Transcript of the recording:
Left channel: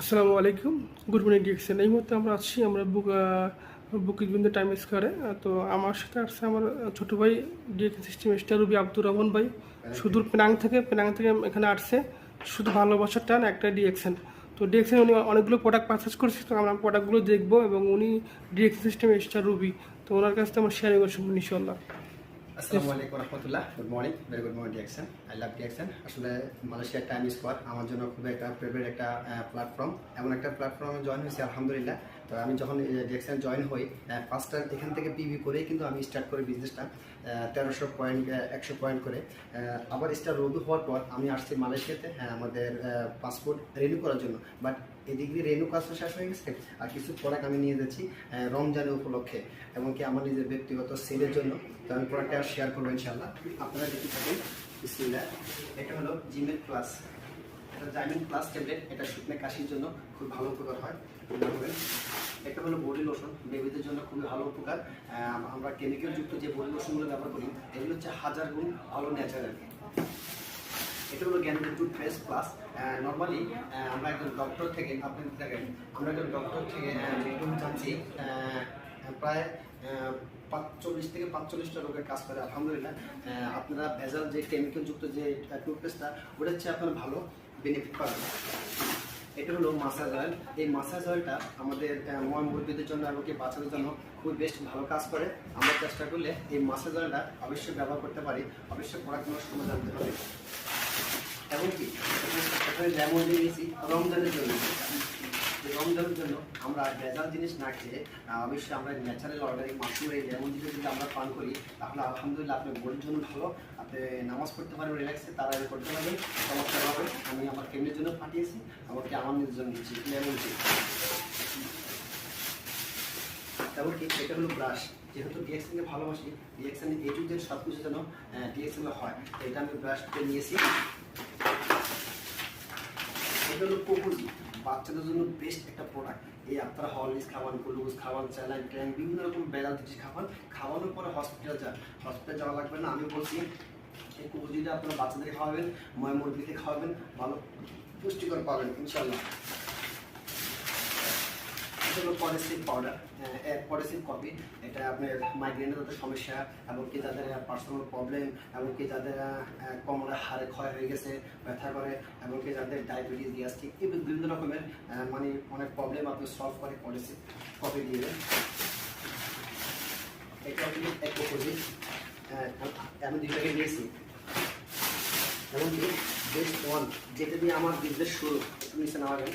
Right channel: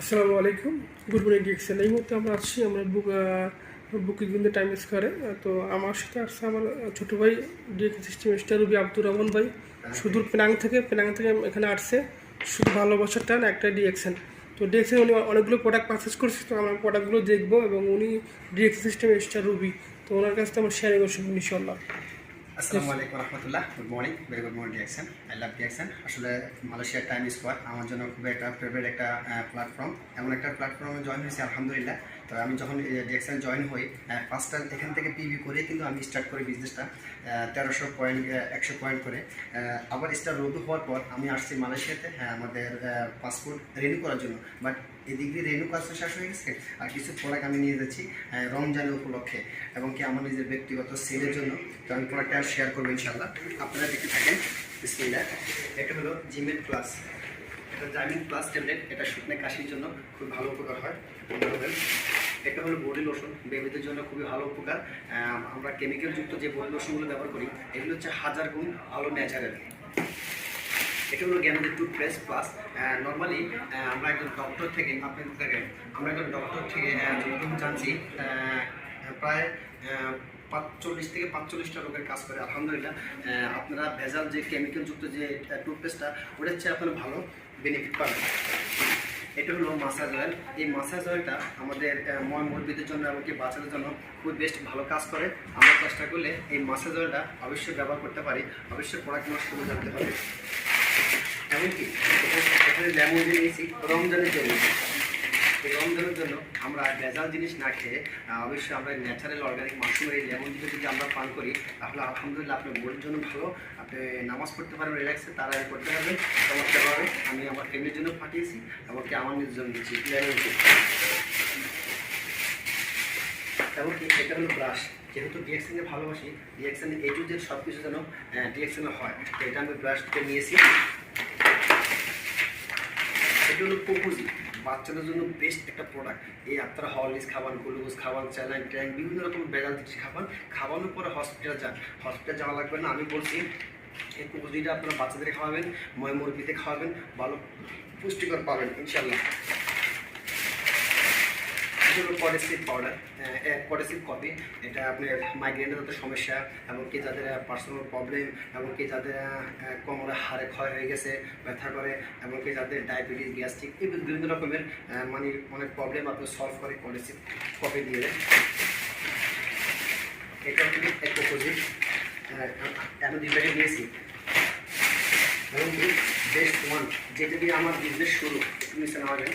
আসসালামু আলাইকুম, good morning DXN. এই মুহূর্তে আমরা বুকিং বিন্দু টাইম স্কোয়ারে। তো আমার সাথে আসছে আমার ছোটো ভাই DX system star Ruby Abdur Rahman ভাই, সুদূর পেনাং থেকে এখানে আসছে শুধু ভালোবাসার টান একটা ডিএক্সএন। তো ডিএক্সএন উনি অনেকগুলো প্রোডাক্ট পারচেস করছে, তো আমরা প্রোডাক্টগুলো দেখবো এবং উনি ডিএক্স সিস্টেম স্টার রুবি, তো ওনার কাছ থেকে আমার শেয়ারিং করছি ইনশাল্লাহ। আসসালামু আলাইকুম রহমতুল্লাহ, good morning, very good morning DXN. I love DXN. আসলে মালয়েশিয়ার টাইম স্কোয়ার আমার জন্য খুবই একটা ফেভারিট একটা প্ল্যাটফর্ম। এমন একটা প্ল্যাটফর্মে জয়েন হয়েছি আলহামদুলিল্লাহ। তো আমি যখন ডিএক্সএন জয়েন হই, ফার্স্ট টাইম এখান থেকে পিভি করে কিন্তু আমি স্টার্ট করি বিজনেসটা 1300 পয়েন্ট 100 পয়েন্ট করে। আবার স্টার রুবি হওয়ার পর আমি আসছি মালয়েশিয়াতে আমাদের পাসপোর্ট রিনিউ করার জন্য। বাট এদিক দিয়ে রেনু কাজ শেষ হয়ে গেছে, আর কিছু প্রোডাক্ট আমি নিয়ে যাচ্ছি রমজানের উপলক্ষে এবং কি আমার নিজের ব্যক্তিগত সেলের জন্য। তো আমি প্রোডাক্টটা শেয়ার করবো ইনশাল্লাহ, আপনারা দেখতে থাকেন। বিসমিল্লাহ। এটা হলো জিমেট প্লাস, এটা জাইমিন প্লাস ট্যাবলেট। এটা শুকনো কাশির জন্য খুব ভালো উপকার হয়। এটা হলো বডি লোশন, বেবিদের জন্য খুবই ভালো উপকার। আমরা কেমিক্যালযুক্ত যে বডি লোশনগুলো ব্যবহার করি এগুলো হচ্ছে 1000 গুণ ভালো ন্যাচারাল। এটা হলো জ্ঞানের টুথপেস্ট প্লাস। নর্মালি আমরা একজন ডক্টর থেকে আমরা একজন ডক্টর থেকে যতটুকু জানছি প্রায় 40 থেকে 45টা রোগের কাজ করে আলহামদুলিল্লাহ। আপনারা ভেজাল যে কেমিক্যালযুক্ত যে টুথপেস্টটা ওটা হচ্ছে আপনারা ভালো বেনিফিট পাবেন। এটা হলো মাসাজ অয়েল। এই মাসাজ অয়েলটা আমাদের মুরব্বীদের জন্য এমনকি বাচ্চাদের জন্য খুব বেস্ট ভালো কাজ করে। আমরা চেষ্টা করলে এই মাসাজ অয়েলটা অবশ্যই ব্যবহার করতে পারি। অবশ্যই প্রোডাক্টগুলো সময় জানতে হবে। এমনকি এখানে লেমন দিয়ে নিয়েছি রমজানের জন্য। এই রমজানের জন্য আমরা ভেজাল জিনিস না খেয়ে অবশ্যই আমরা ন্যাচারাল অর্গানিক মাশরুমের এই লেমন দিয়ে যদি আমরা পান করি তাহলে আলহামদুলিল্লাহ আপনার বডির জন্য ভালো। আপনি নামাজ পড়তে পারবেন রিল্যাক্সে, তারা করতে পারবেন চমৎকারভাবে। আমি আমার ফ্যামিলির জন্য পাঠিয়েছি, এমনকি আমার নিজের জন্য দিচ্ছি লেমন টি। এমনকি এটা হলো ব্রাশ। যেহেতু ডিএক্সএনকে ভালোবাসি, ডিএক্সএন এ টু জেড সব কিছু যেন ডিএক্সএনে হয়, তো এটা আমি ব্রাশ থেকে নিয়েছি। এটা হলো কোকুজি, বাচ্চাদের জন্য বেস্ট একটা প্রোডাক্ট। এই আপনারা হরলিক্স খাবান, গ্লুকোজ খাবান, স্যালাইন ট্যাঙ্ক বিভিন্ন রকম বেড়াল জিনিস খাবান, খাওয়ানোর পরে হসপিটাল যান। হসপিটাল যাওয়া লাগবে না, আমি বলছি এই কোকুজিটা আপনারা বাচ্চাদের খাওয়াবেন, মুরগিতে খাওয়াবেন, ভালো পুষ্টিকর পাবেন ইনশাল্লাহ। পডেসিভ পাউডার, পডেসিভ কফি। এটা আপনার মাইগ্রেনের মতো সমস্যা এমনকি যাদের পার্সোনাল প্রবলেম, এমনকি যাদের কোমরে হাড়ে ক্ষয় হয়ে গেছে, ব্যথা করে, এমনকি যাদের ডায়াবেটিস, গ্যাস্ট্রিক এই বিভিন্ন রকমের মানে অনেক প্রবলেম আপনি সলভ করে পডেসিভ কফি দিয়ে দেন। এটা আপনি এক অপোজিট আমি 2 প্যাকেট নিয়েছি। এমনকি বেস্ট ওয়ান, যেটা দিয়ে আমার বিজনেস শুরু, একটু নিচে নেওয়া যায়।